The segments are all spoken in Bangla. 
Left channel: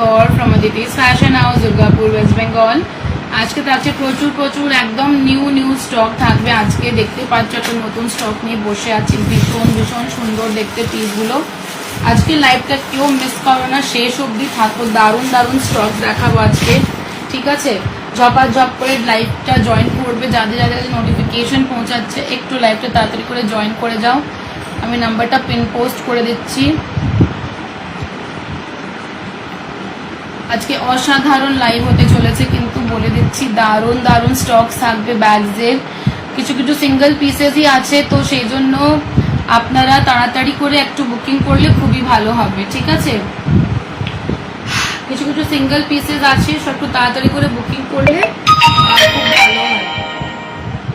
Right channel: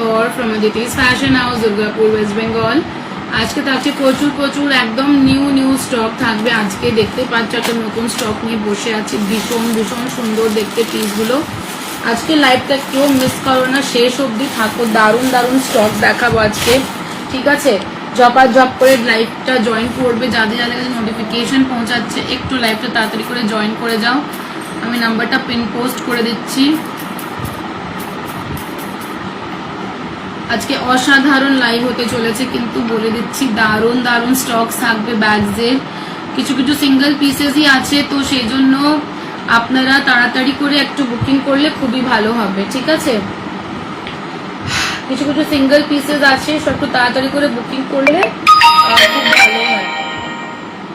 কর from Aditi's fashion house Durgapur West Bengal. আজকে থাকছে প্রচুর প্রচুর একদম নিউ স্টক থাকবে। আজকে দেখতে পাচ্ছ একটা নতুন স্টক নিয়ে বসে আছি, ভীষণ ভীষণ সুন্দর দেখতে পিসগুলো। আজকে লাইভটা কেউ মিস করো না, শেষ অবধি থাকো, দারুণ দারুণ স্টক দেখাবো আজকে, ঠিক আছে? ঝপাঝপ করে লাইভটা জয়েন করবে, যাদের যাদের কাছে নোটিফিকেশন পৌঁছাচ্ছে একটু লাইভটা তাড়াতাড়ি করে জয়েন করে যাও। আমি নাম্বারটা পিন পোস্ট করে দিচ্ছি। আজকে অসাধারণ লাইভ হতে চলেছে, কিন্তু বলে দিচ্ছি দারুণ দারুণ স্টক থাকবে ব্যাগসের। কিছু কিছু সিঙ্গেল পিসেসই আছে, তো সেই জন্য আপনারা তাড়াতাড়ি করে একটু বুকিং করলে খুবই ভালো হবে, ঠিক আছে? কিছু কিছু সিঙ্গেল পিসেস আছে, সব একটু তাড়াতাড়ি করে বুকিং করলে খুব ভালো হয়।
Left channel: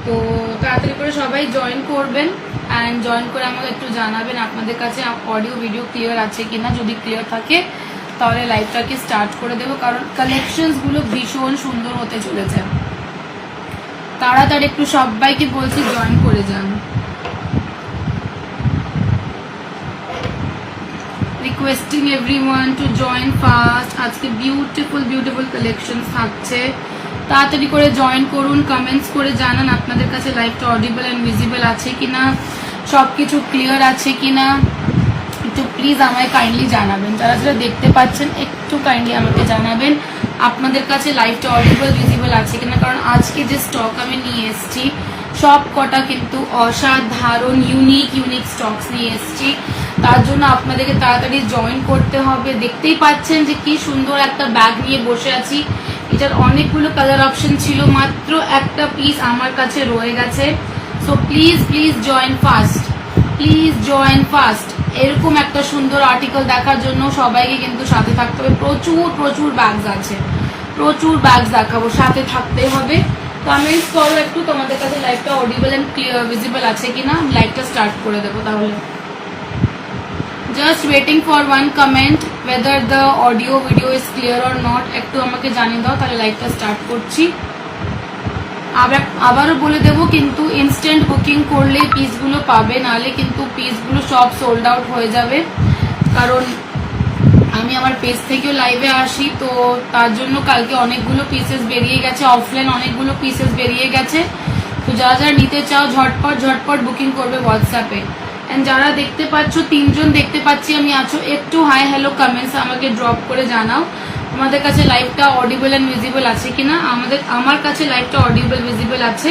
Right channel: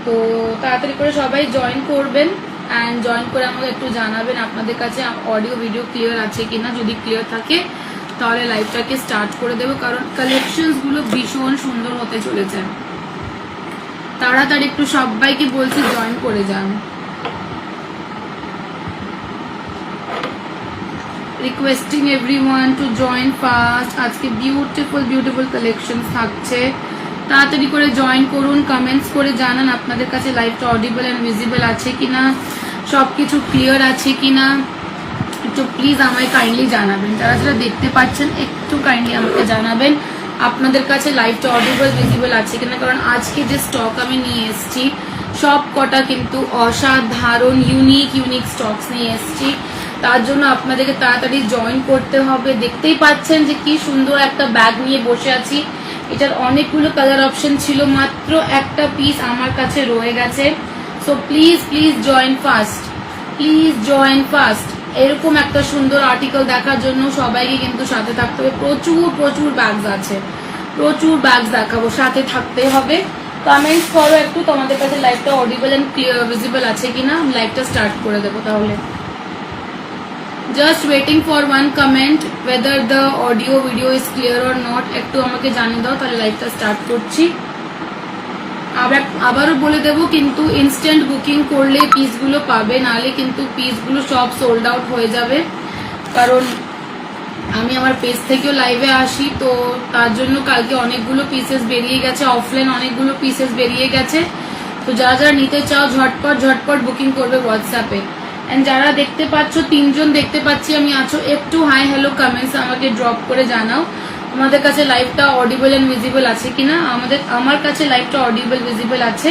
তো তাড়াতাড়ি করে সবাই জয়েন করবেন অ্যান্ড জয়েন করে আমাকে একটু জানাবেন আপনাদের কাছে অডিও ভিডিও ক্লিয়ার আছে কিনা। যদি ক্লিয়ার থাকে তাহলে লাইভটাকে স্টার্ট করে দেবো, কারণ কালেকশনস গুলো ভীষণ সুন্দর হতে চলেছে। তাড়াতাড়ি একটু সবাইকে বলছি জয়েন করে যান। Requesting everyone to join fast. আজকে বিউটিফুল কালেকশন থাকছে, তাড়াতাড়ি করে জয়েন করুন। কমেন্টস করে জানান আপনাদের কাছে লাইভটা অডিবল অ্যান্ড ভিজিবল আছে কিনা, সবকিছু ক্লিয়ার আছে কিনা, একটু প্লিজ আমায় কাইন্ডলি জানাবেন। যারা যারা দেখতে পাচ্ছেন একটু কাইন্ডলি আমাকে জানাবেন আপনাদের কাছে লাইভটা অডিবল ভিজিবল আছে কিনা, কারণ আজকে যে স্টক আমি নিয়ে এসেছি সব কটা কিন্তু অসাধারণ ইউনিক স্টকস নিয়ে এসেছি। তার জন্য আপনাদেরকে তাড়াতাড়ি জয়েন করতে হবে। দেখতেই পাচ্ছেন যে কি সুন্দর একটা ব্যাগ নিয়ে বসে আছি। এটার অনেকগুলো কালার অপশন ছিল, মাত্র একটা পিস আমার কাছে রয়ে গেছে। So please join fast. এরকম একটা সুন্দর আর্টিকেল দেখার জন্য সবাইকে কিন্তু সাথে থাকতে হবে। প্রচুর ব্যাগস আছে, প্রচুর ব্যাগস দেখাবো, সাথে থাকতে হবে। কমেন্টস করো একটু তোমাদের কাছে লাইভটা অডিবল এন্ড ভিজিবল আছে কিনা, আমি লাইভটা স্টার্ট করে দেবো। তাহলে just waiting for one comment whether the audio video is clear or not. একটু আমাকে জানিয়ে দাও, তাহলে লাইভটা স্টার্ট করছি। আবারও বলে দেব, কিন্তু ইনস্ট্যান্ট বুকিং করলে পিসগুলো পাবে, নাহলে কিন্তু পিসগুলো সব সোল্ড আউট হয়ে যাবে। কারণ আমি আমার পেজ থেকেও লাইভে আসি, তো তার জন্য কালকে অনেকগুলো পিসেস বেরিয়ে গেছে, অফলাইন অনেকগুলো পিসেস বেরিয়ে গেছে। তো যারা যারা নিতে চাও ঝটপট বুকিং করবে হোয়াটসঅ্যাপে। এন্ড যারা দেখতে পাচ্ছ, 3 জন দেখতে পাচ্ছি আমি আছো, একটু হাই হ্যালো কমেন্টস আমাকে ড্রপ করে জানাও তোমাদের কাছে লাইভটা অডিবল এন্ড ভিজিবল আছে কিনা। আমার কাছে লাইভটা অডিবল ভিজিবল আছে,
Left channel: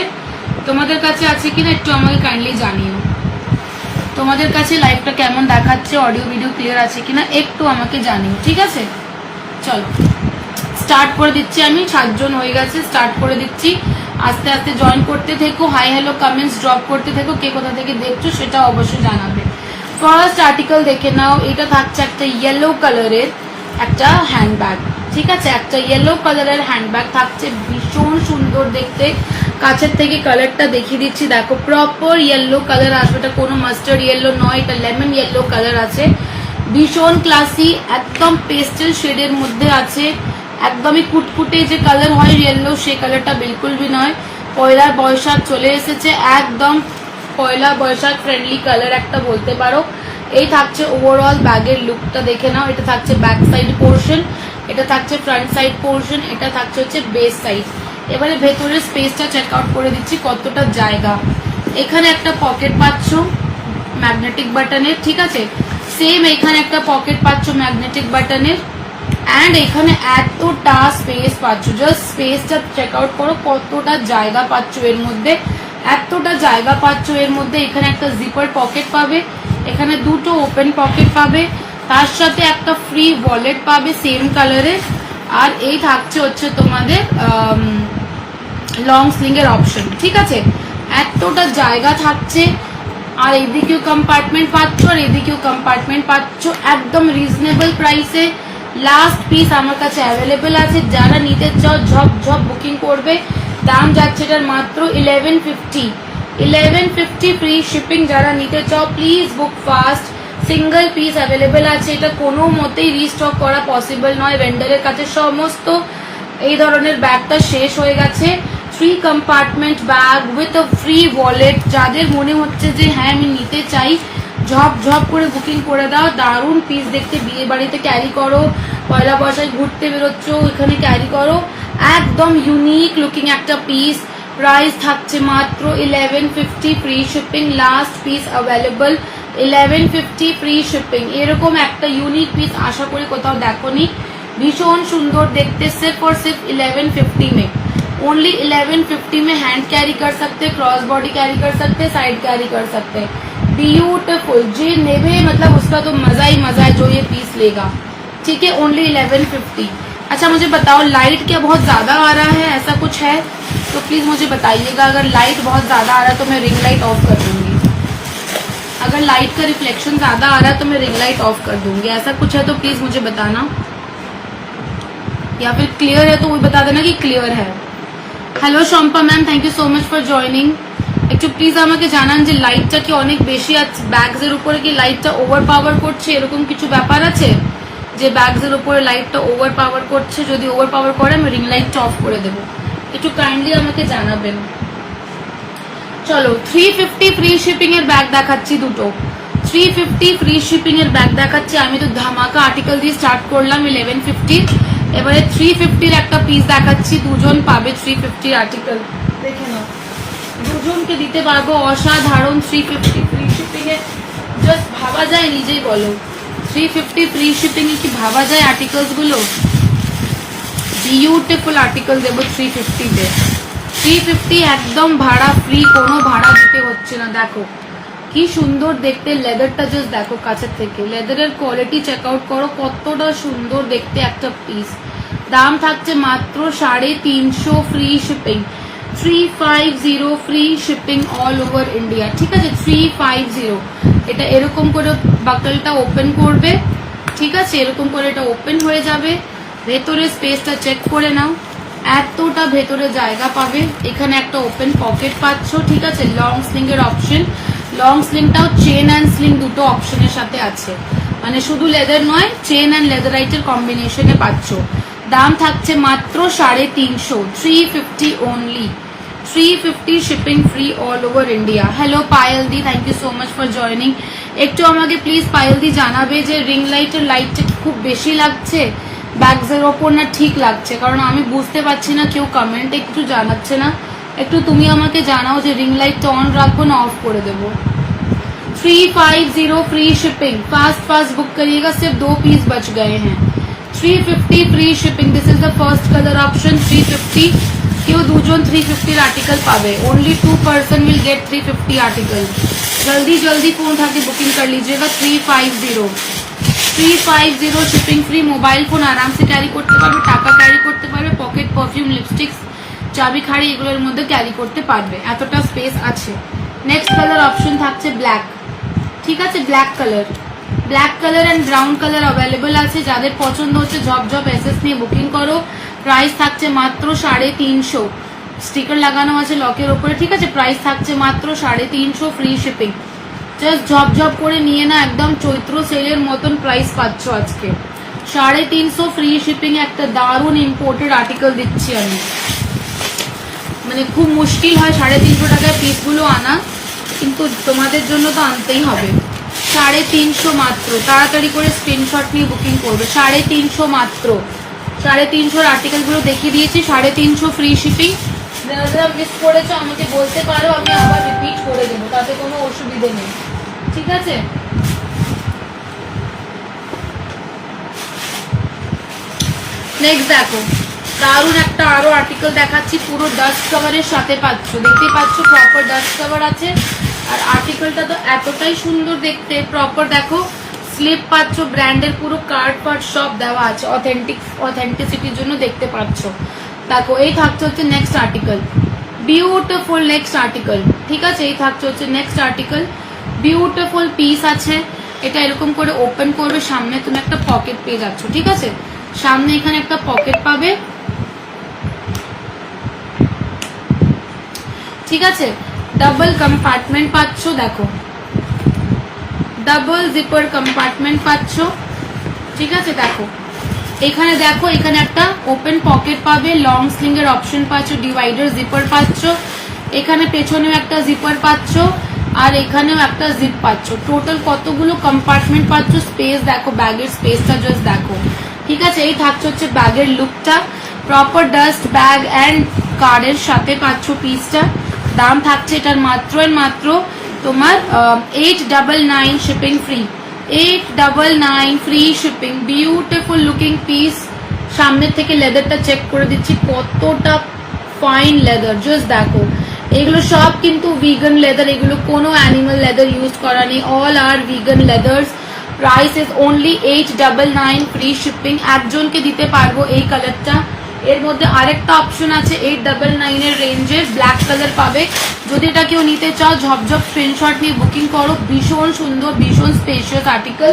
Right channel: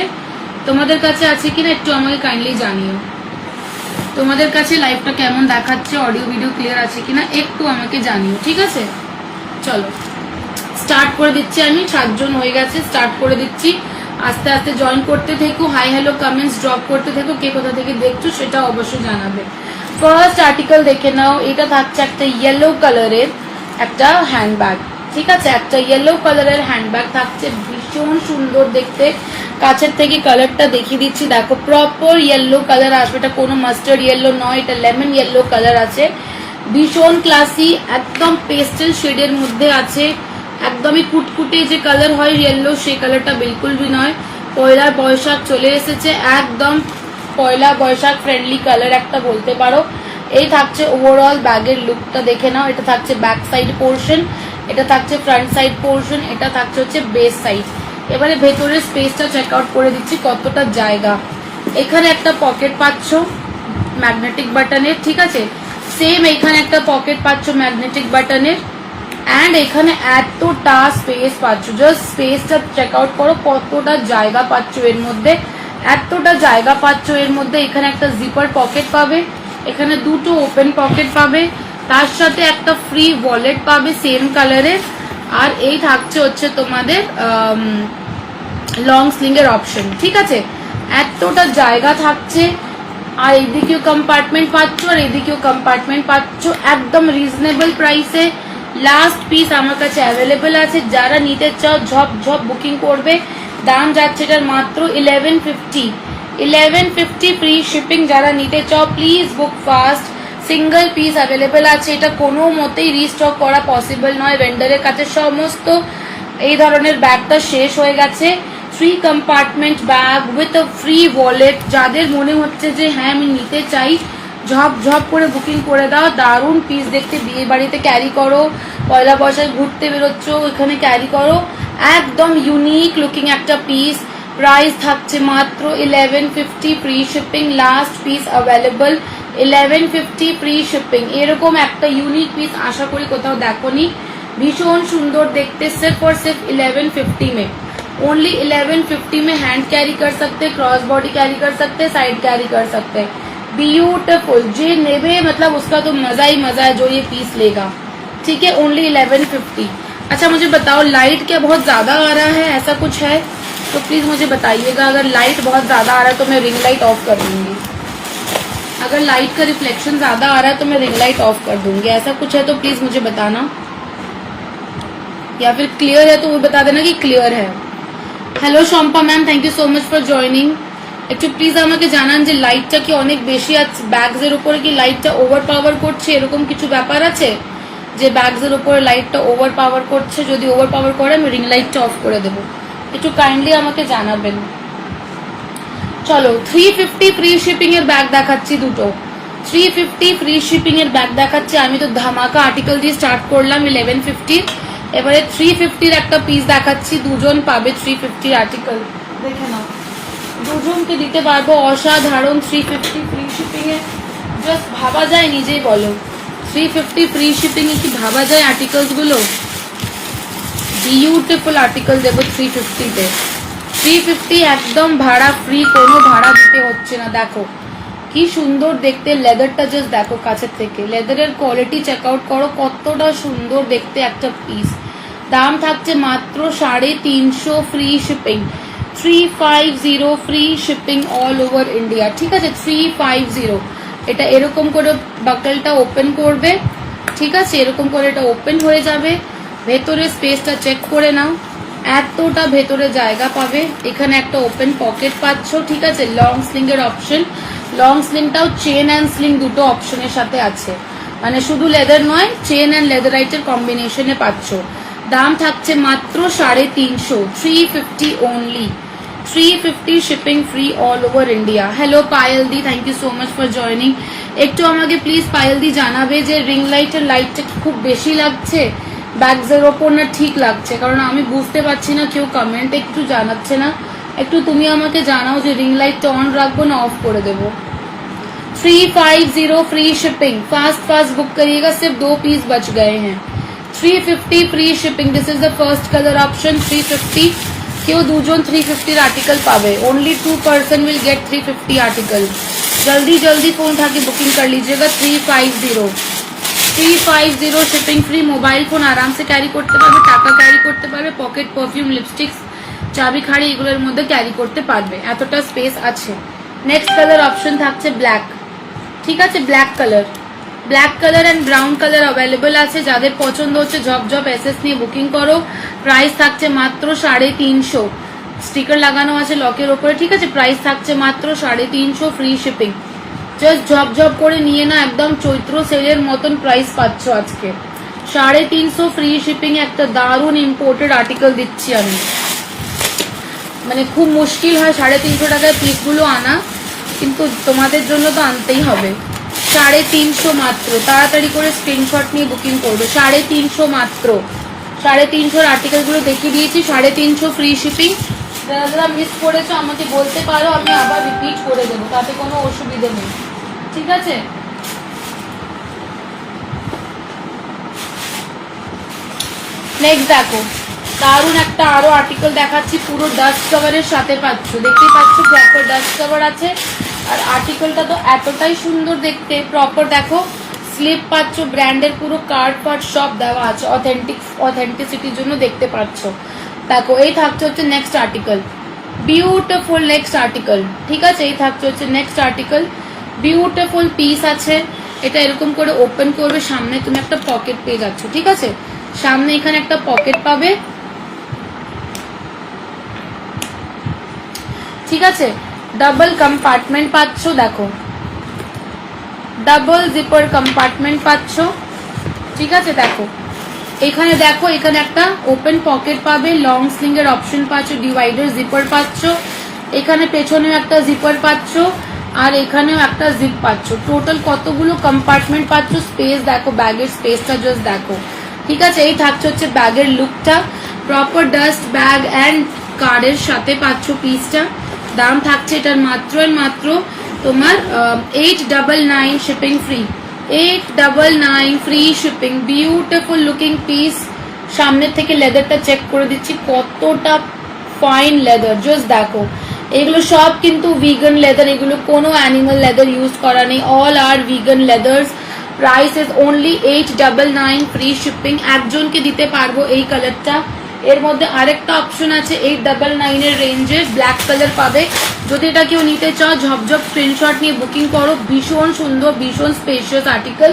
তোমাদের কাছে আছে কিনা একটু আমাকে কাইন্ডলি জানিও। তোমাদের কাছে লাইভটা কেমন দেখাচ্ছে, অডিও ভিডিও ক্লিয়ার আছে কিনা একটু আমাকে জানিও, ঠিক আছে? চলো স্টার্ট করে দিচ্ছি। আমি 7 জন হয়ে গেছে, স্টার্ট করে দিচ্ছি। আস্তে আস্তে জয়েন করতে থেকো, হাই হ্যালো কমেন্টস ড্রপ করতে থেকো, কে কোথা থেকে দেখছো সেটা অবশ্যই জানাবে। ফার্স্ট আর্টিকেল দেখে নাও। এটা থাকছে একটা ইয়েলো কালারের একটা হ্যান্ডব্যাগ, ঠিক আছে? একটা ইয়েলো কালারের হ্যান্ডব্যাগ থাকছে, ভীষণ সুন্দর দেখতে। কাছের থেকে কালারটা দেখিয়ে দিচ্ছি, দেখো প্রপার ইয়েলো কালার আসবে। এটা কোনো মাস্টার্ড ইয়েলো নয়, এটা লেমন ইয়েলো কালার আছে। ভীষণ ক্লাসি, একদম পেস্টেল শেডের মধ্যে আছে। একদমই কুটকুটে যে কালার হয় ইয়েলো, সেই কালারটা বিলকুল भी নয়। পয়লা বৈশাখ চলে এসেছে, একদম পয়লা বৈশাখ ফ্রেন্ডলি কালার একটা বলতে পারো। এই থাকছে ওভারঅল ব্যাগের লুকটা দেখে নাও। এটা থাকছে ব্যাক সাইড পোর্শন, এটা থাকছে ফ্রন্ট সাইড পোর্শন, এটা থাকছে হচ্ছে বেস সাইড। এবারে ভেতরের স্পেসটা চেক আউট করে দিচ্ছি কতটা জায়গা। এখানে একটা পকেট পাচ্ছ ম্যাগনেটিক বাটনের, ঠিক আছে? সেম এখানে একটা পকেট পাচ্ছ ম্যাগনেটিক বাটনের, অ্যান্ড এখানে এতটা স্পেস পাচ্ছ। জাস্ট স্পেসটা চেক আউট করো, কতটা জায়গা পাচ্ছ এর মধ্যে, এতটা জায়গা পাচ্ছ এর মধ্যে। এখানে একটা জিপার পকেট পাবে, এখানে দুটো ওপেন পকেট পাবে, তার সাথে একটা ফ্রি ওয়ালেট পাবে সেম কালারের। আর এই থাকছে হচ্ছে তোমাদের লং স্লিং এর অপশন, ঠিক আছে? এতটা জায়গা থাকছে। আর এদিকেও কম্পার্টমেন্ট পাচ্ছ, আর এদিকেও কম্পার্টমেন্ট পাচ্ছ, একদম রিজনেবল প্রাইসে। লাস্ট পিস আমার কাছে অ্যাভেলেবল আছে, যারা নিতে চাও ঝপ বুকিং করবে। দাম যাচ্ছে এটার মাত্র 1150 ফ্রি শিপিং। যারা নিতে চাও please book fast, single piece available আছে। এটা কোনো মতেই রিস্টক করা পসিবল নয়, ভেন্ডারের কাছে সমস্ত এই ধরনের ব্যাগটা শেষ হয়ে গেছে। 3 compartment bag with a free wallet. যাদের মনে হচ্ছে যে হ্যাঁ আমি নিতে চাই, ঝপ করে বুকিং করে দাও। দারুণ পিস দেখতে, বিয়ে বাড়িতে ক্যারি করো, পয়লা বৈশাখ ঘুরতে বেরোচ্ছ, এখানে ক্যারি করো, একদম ইউনিক লুকিং একটা পিস। প্রাইস থাকছে মাত্র 1150 free shipping, last piece available 1150 free shipping. এরকম একটা ইউনিক পিস আশা করি কোথাও দেখোনি, भीषण सुंदर देखते, सिर्फ और सिर्फ 1150 में, ओनली 1150 में हैंड कैरी कर सकते, क्रॉस बॉडी कैरी कर सकते, साइड कैरी कर सकते हैं। ब्यूटीफुल, जे नेवे मतलब उसका तो मजा ही मजा है जो ये पीस लेगा। ठीक है, ओनली 1150। अच्छा मुझे बताओ लाइट क्या बहुत ज्यादा आ रहा है, ऐसा कुछ है तो प्लीज मुझे बताइएगा। अगर लाइट बहुत ज्यादा आ रहा है तो मैं रिंग लाइट ऑफ कर दूंगी, अगर लाइट का रिफ्लेक्शन ज्यादा आ रहा है तो मैं रिंग लाइट ऑफ कर दूंगी। ऐसा कुछ है तो प्लीज मुझे बताना, या फिर क्लियर है तो वो बता देना कि क्लियर है। Hello Shampa ma'am, thank you so much for joining. একটু প্লিজ আমাকে জানান যে লাইটটা কি অনেক বেশি আছে, ব্যাগস এর উপরে কি লাইটটা ওভার পাওয়ার করছে, এরকম কিছু ব্যাপার আছে যে ব্যাগস এর উপরে লাইটটা ওভার পাওয়ার করছে? যদি ওভার পাওয়ার করে আমি রিং লাইটটা অফ করে দেবো, একটু কাইন্ডলি আমাকে জানাবেন। চলো 350 ফ্রি শিপিং এর ব্যাগ দেখাচ্ছি দুটো, 350 ফ্রি শিপিং এর ব্যাগ দেখাচ্ছি। আমি তো ধামাকা আর্টিকেল দিয়ে স্টার্ট করলাম 1150, এবারে 350 একটা পিস দেখাচ্ছি, দুজন পাবে 350 আর্টিকেল, দেখে নাও দুজনকে দিতে পারবো অসাধারণ 350 ফ্রি শিপিং এ। জাস্ট ভাবা যায়, নিজেই বলো 350 ফ্রি শিপিং এ কি ভাবা যায় আর্টিকেলস গুলো? বিউটিফুল আর্টিকেল দেবো 350 তে, 350 একদম ভাড়া ফ্রি, কোনো ভাড়া দিতে হচ্ছে না। দেখো কি সুন্দর দেখতে, লেদারটা জাস্ট দেখো কাছের থেকে, লেদারের কোয়ালিটি চেক আউট করো, কতটা সুন্দর দেখতে একটা পিস। দাম থাকছে মাত্র 350 free shipping, 350 free shipping all over India. ঠিক আছে, 350। এটা এরকম করে বাকলটা ওপেন করবে, ঠিক আছে, এরকম করে এটা ওপেন হয়ে যাবে, ভেতরে স্পেসটা চেক করে নাও, এতটা ভেতরে জায়গা পাবে। এখানে একটা ওপেন পকেট পাচ্ছ, ঠিক আছে, লং স্লিং এর অপশন, লং স্লিংটাও চেন অ্যান্ড স্লিং দুটো অপশনের সাথে আছে, মানে শুধু লেদার নয়, চেন অ্যান্ড লেদারাইটের কম্বিনেশনে পাচ্ছ। দাম থাকছে মাত্র 350, 350 only, 350 shipping free all over India. Hello Payel di, thank you so much for joining. একটু আমাকে প্লিজ পায়েল দি জানাবে যে রিং লাইটের লাইটটা খুব বেশি লাগছে ব্যাগসের ওপর না ঠিক লাগছে, কারণ আমি বুঝতে পারছি না, কেউ কমেন্ট একটু জানাচ্ছে না। একটু তুমি আমাকে জানাও যে রিং লাইটটা অন রাখবো না অফ করে দেবো। 350 free shipping, fast fast book करिएगा, सिर्फ 2 पीस बच गए हैं। 350 free shipping, this is the first colour option 350। কেউ দুজন 350 आर्टिकल पावे, only 2 person will get 350 article. जल्दी जल्दी फोन उठा के बुकिंग कर लीजिएगा। 350 शिपिंग फ्री, मोबाइल फोन आराम से कैरी करते पारबे, टाका कैरी करते पारबे, पकेट परफ्यूम लिपस्टिक्स চাবি খাড়ি এগুলোর মধ্যে ক্যারি করতে পারবে, এতটা স্পেস আছে। নেক্সট কালার অপশন থাকছে ব্ল্যাক, ঠিক আছে, black colour, black colour and brown colour available আছে। যাদের পছন্দ হচ্ছে ঝপঝপ এসএস নিয়ে বুকিং করো। প্রাইস থাকছে মাত্র 350, স্টিকার লাগানো আছে লকের ওপরে, ঠিক আছে। প্রাইস থাকছে মাত্র 350 ফ্রি শিপিং। জাস্ট ঝপঝপ করে নিয়ে না, একদম চৈত্র সেলের মতন প্রাইস পাচ্ছ আজকে। 350 ফ্রি শিপিং, একটা দারুণ ইম্পোর্টেড আর্টিকেল দিচ্ছি আমি, মানে খুব মুশকিল হয় 350 টাকায় পিসগুলো আনা, কিন্তু তোমাদের জন্য তো আনতেই হবে। 350 মাত্র, তাড়াতাড়ি করে স্ক্রিনশট নিয়ে বুকিং করবে। 350 মাত্র, 350 আর্টিকেল গুলো দেখিয়ে দিয়েছি, 350 ফ্রি শিপিং। যারা মিস করেছো আমাকে বলতে পারো, আমি আবার রিপিট করে দেবো, তাতে কোনো অসুবিধে নেই, ঠিক আছে। নেক্সট দেখো, দারুণ একটা আরো আর্টিকেল দেখাচ্ছি, পুরো ডাস্ট কভারের সাথে পাচ্ছ, দেখতেই পাচ্ছ প্রপার ডাস্ট কভার আছে। আর আর্টিকেলটা তো এতটাই সুন্দর দেখতে, প্রপার দেখো স্লিপ পাচ্ছ, ব্র্যান্ডের পুরো কার্ড ফার্ড সব দেওয়া আছে, অথেন্টিসিটির জন্য দেখতে পাচ্ছ। দেখো এই থাকছে হচ্ছে next article, beautiful next article, ঠিক আছে। এই থাকছে হচ্ছে নেক্সট আর্টিকেল, বিউটিফুল পিস আছে। এটা এরকম করে ওপেন করবে, সামনে তুমি একটা পকেট পেয়ে যাচ্ছ, ঠিক আছে। সামনে এখানে একটা পকেট পাবে, ঠিক আছে। ডাবল কম্পার্টমেন্ট পাচ্ছ, দেখো ডাবল জিপার কম্পার্টমেন্ট পাচ্ছ, ঠিক আছে। দেখো এখানে, দেখো এখানে একটা ওপেন পকেট পাবে, লং স্লিং এর অপশন পাচ্ছ, ডিভাইডার জিপার পাচ্ছ, এখানে পেছনেও একটা জিপার পাচ্ছ, আর এখানেও একটা জিপ পাচ্ছ। টোটাল কতগুলো কম্পার্টমেন্ট পাচ্ছ, স্পেস দেখো, ব্যাগের স্পেসটা জাস্ট দেখো, ঠিক আছে, এই থাকছে হচ্ছে ব্যাগের লুকটা, প্রপার ডাস্ট ব্যাগ অ্যান্ড কার্ডের সাথে পাচ্ছ পিসটা। দাম থাকছে এটার মাত্র এন্ড মাত্র তোমার 899 shipping free, 899 free shipping. Beautiful looking piece. সামনের থেকে লেদারটা চেক করে দিচ্ছি কতটা ফাইন লেদার, জাস্ট দেখো। এগুলো সব কিন্তু ভিগান লেদার, এগুলো কোনো অ্যানিমাল লেদার ইউজ করা নেই, all are vegan leathers. Price is only 899 free shipping. একজনকে দিতে পারবো এই কালারটা। এর মধ্যে আরেকটা অপশন আছে 899 এর রেঞ্জে, ব্ল্যাক কালার পাবে। যদি এটা কেউ নিতে চাও ঝপঝপ স্ক্রিনশট নিয়ে বুকিং করো। ভীষণ সুন্দর, ভীষণ স্পেশিয়াস আর্টিকেল।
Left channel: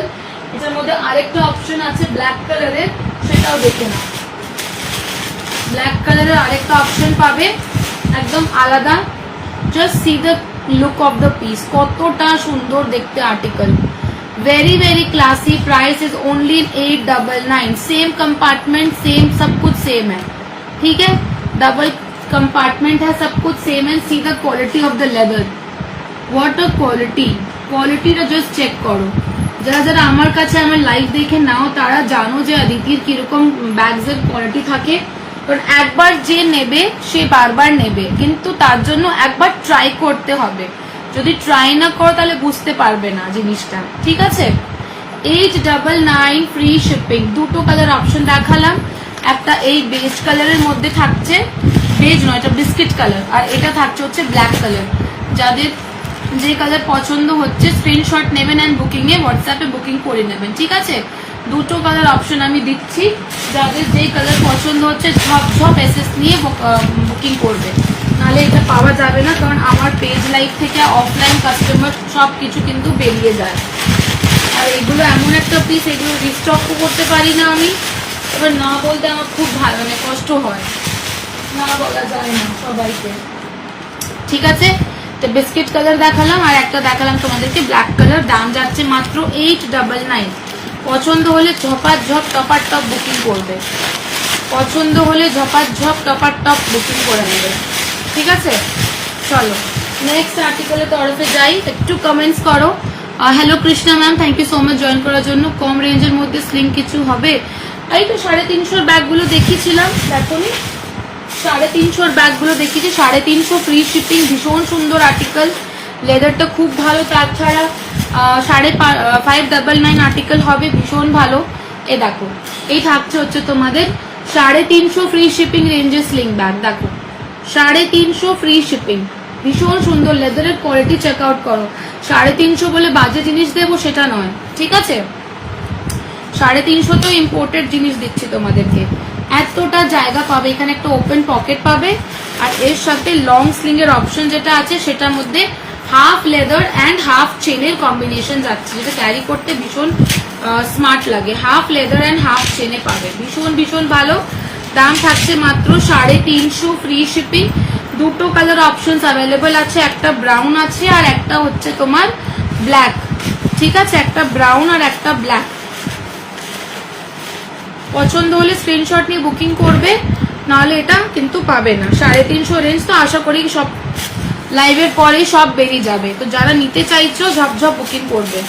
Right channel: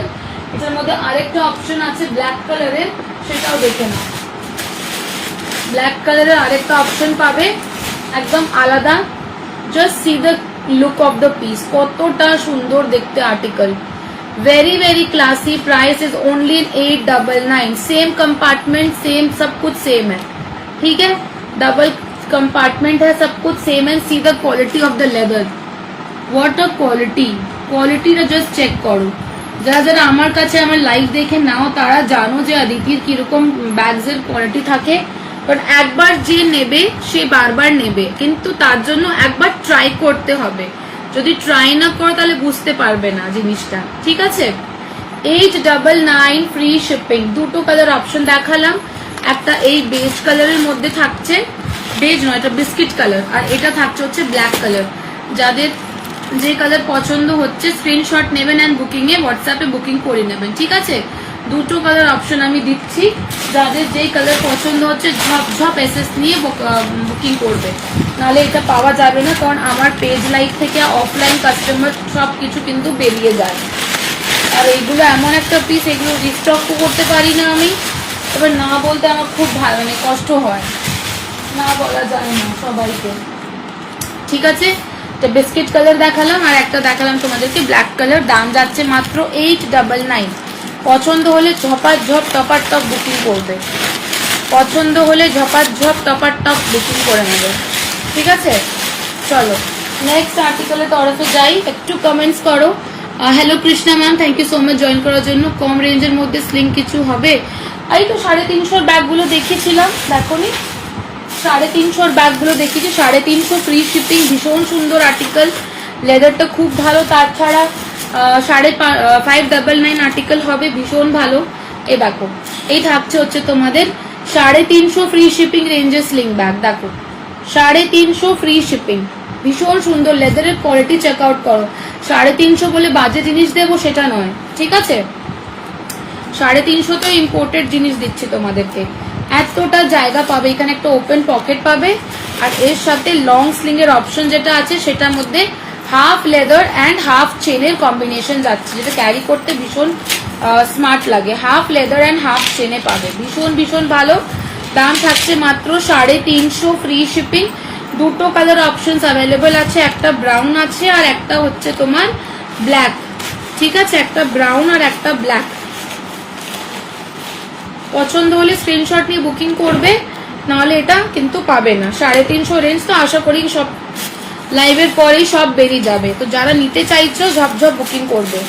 এটার মধ্যে আরেকটা অপশন আছে ব্ল্যাক কালারের, সেটাও দেখে না। ব্ল্যাক কালারের আরেকটা অপশন পাবে একদম আলাদা। Just see the look of the piece, কতটা সুন্দর দেখতে article. Very very classy. Price is only 899। Same compartment, same सब कुछ सेम है, ठीक है। डबल कंपार्टमेंट है, सब कुछ सेम है। See the quality of the leather, what a quality. क्वालिटीটা জাস্ট চেক করো। যারা যারা আমার কাছে আমার লাইভ দেখে নাও তারা জানো যে অদিতির কিরকম ব্যাগস এর কোয়ালিটি থাকে। কারণ একবার যে নেবে সে বারবার নেবে, কিন্তু তার জন্য একবার ট্রাই করতে হবে। যদি ট্রাই না করো তাহলে বুঝতে পারবে না জিনিসটা, ঠিক আছে। 899 ফ্রি শিপিং। দুটো কালার অপশন দেখালাম, একটা এই বেজ কালারের মধ্যে থাকছে, বেজ নয় এটা বিস্কিট কালার, আর এটা থাকছে হচ্ছে ব্ল্যাক কালার। যাদের যে কালার পছন্দ হচ্ছে স্ক্রিনশট নেবেন অ্যান্ড বুকিং এ হোয়াটসঅ্যাপে বুকিং করে নেবেন, ঠিক আছে। দুটো কালার অপশন আমি দিচ্ছি, যাদের যেই কালার পছন্দ হচ্ছে ঝপ ঝপ এসএস নিয়ে বুকিং করবে, নাহলে এটা পাওয়া যাবে না। কারণ আমার পেজ লাইভ থেকে অফলাইন কাস্টমার সব কিছু কিন্তু বেরিয়ে যায়। আর এইগুলো এমন একটা পিস, এগুলো রিস্টক করতে পারি না আমি, এবার না বলতে আমার খুব ভালো মানে কষ্ট হয়, না বলা যায় না সবাইকে, ঠিক আছে। তো বিস্কিট কালার দেখালাম আর একটা দেখালাম তোমাদেরকে ব্ল্যাক কালার। দাম যাচ্ছে মাত্র 899। পছন্দ হলে ঝপার ঝপ টপার টপ বুকিং করবে, পছন্দ হলে ঝপার ঝপ টপার টপ বুকিং করে নেবে, ঠিক আছে। চলো নেক্সট আর্টিকেলের তরফে যাই, একটু কমেন্টস করো। Hello Krishna ma'am, thank you so much join করার জন্য। কম রেঞ্জের মধ্যে স্লিং কিছু হবে? এই তো 350 ব্যাগগুলো দেখিয়েছিলাম, দেখো নি 350 ব্যাগগুলো দেখিয়েছি, 350 ফ্রি শিপিং। ভীষণ সুন্দর আর্টিকেল, লেদারটা খুব ভালো। তাছাড়া 599 আর্টিকেল হবে, ভীষণ ভালো। এই দেখো, এই থাকছে হচ্ছে তোমাদের 350 ফ্রি শিপিং রেঞ্জের স্লিং ব্যাগ। দেখো 350 ফ্রি শিপিং, ভীষণ সুন্দর। লেদারের কোয়ালিটি চেক আউট করো। 350 বলে বাজে জিনিস দেবো সেটা নয়, ঠিক আছে। 350 তো ইম্পোর্টেড জিনিস দিচ্ছি তোমাদেরকে। এতটা জায়গা পাবে, এখানে একটা ওপেন পকেট পাবে, আর এর সাথে লং স্লিং এর অপশন যেটা আছে সেটার মধ্যে হাফ লেদার অ্যান্ড হাফ চেনের কম্বিনেশন যাচ্ছে, যেটা ক্যারি করতে ভীষণ স্মার্ট লাগে। হাফ লেদার অ্যান্ড হাফ চেনে পাবে, ভীষণ ভীষণ ভালো। দাম থাকছে মাত্র 350 ফ্রি শিপিং। দুটো কালার অপশনস অ্যাভেলেবল আছে, একটা ব্রাউন আছে আর একটা হচ্ছে তোমার ব্ল্যাক, ঠিক আছে। একটা ব্রাউন আর একটা ব্ল্যাক। পছন্দ হলে স্ক্রিনশট নিয়ে বুকিং করবে, নাহলে এটা কিন্তু পাবে না। 350 রেঞ্জ তো আশা করি সব লাইভের পরেই সব বেরিয়ে যাবে। তো যারা নিতে চাইছো ঝপঝপ বুকিং করবে।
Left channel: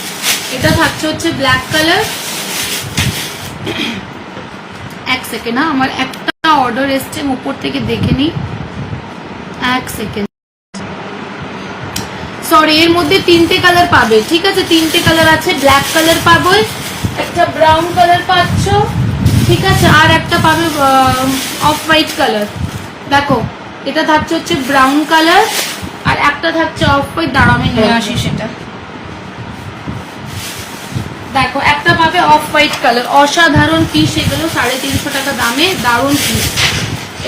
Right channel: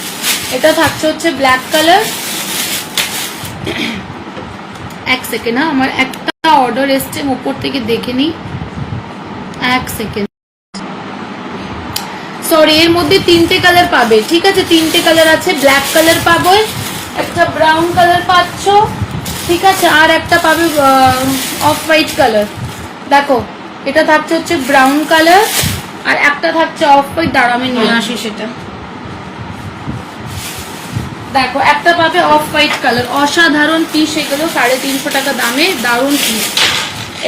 এটা থাকছে হচ্ছে ব্ল্যাক কালার। এক সেকেন্ড, আমার একটা অর্ডার এসছে উপর থেকে দেখে নি, এক সেকেন্ড। সরি, এর মধ্যে 3টে কালার পাবে, ঠিক আছে। 3টে কালার আছে, ব্ল্যাক কালার পাবে, একটা ব্রাউন কালার পাচ্ছ, ঠিক আছে, আর একটা পাবে অফ হোয়াইট কালার। দেখো এটা থাকছে হচ্ছে ব্রাউন কালার আর একটা থাকছে অফ হোয়াইট। দাঁড়া আমি নিয়ে আসি সেটা। দেখো একটা পাবে অফ হোয়াইট কালার, অসাধারণ পিস এগুলো, 350 টাকা দামে দারুণ পিস।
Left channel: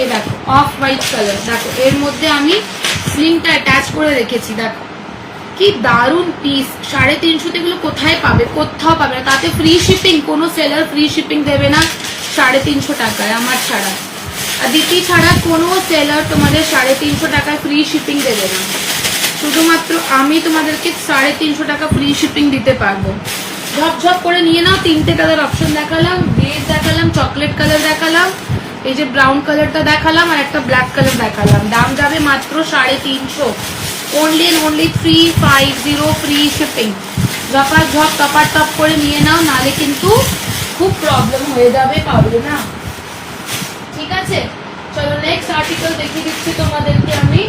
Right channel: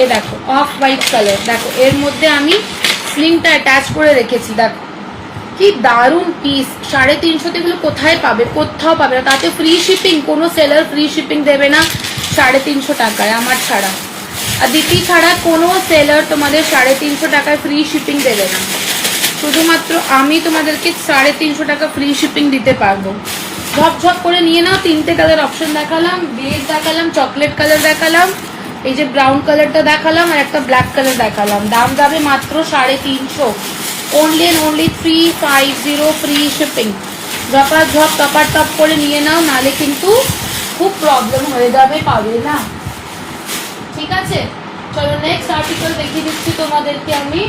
এই দেখো অফ হোয়াইট কালার, দেখো এর মধ্যে আমি স্লিংটা অ্যাটাচ করে রেখেছি, দেখো কি দারুণ পিস। 350 এগুলো কোথায় পাবে? কোথাও পাবে না। তাতে ফ্রি শিপিং, কোনো সেলার ফ্রি শিপিং দেবে না 350 টাকায়, আমার ছাড়া। আর দিতি ছাড়া কোনো সেলার তোমাদের 350 টাকায় ফ্রি শিপিং দেবে না। শুধুমাত্র আমি তোমাদেরকে 350 টাকা ফ্রি শিপিং দিতে পারবো। ঝপঝপ করে নিয়ে নাও। 3টে কালার অপশন দেখালাম, বেজ দেখালাম, চকলেট কালার দেখালাম, এই যে ব্রাউন কালারটা দেখালাম, আর একটা ব্ল্যাক কালার দেখালাম। দাম যাবে মাত্র 350। only and only 350 free shipping. ঝপা ঝপ টপার টপ করে নিয়ে নাও, নালে কিন্তু খুব প্রবলেম হয়ে যাবে, পাবে না। ঠিক আছে, চলো নেক্সট আর্টিকেল দেখিয়ে দিচ্ছি তোমাদেরকে আমি।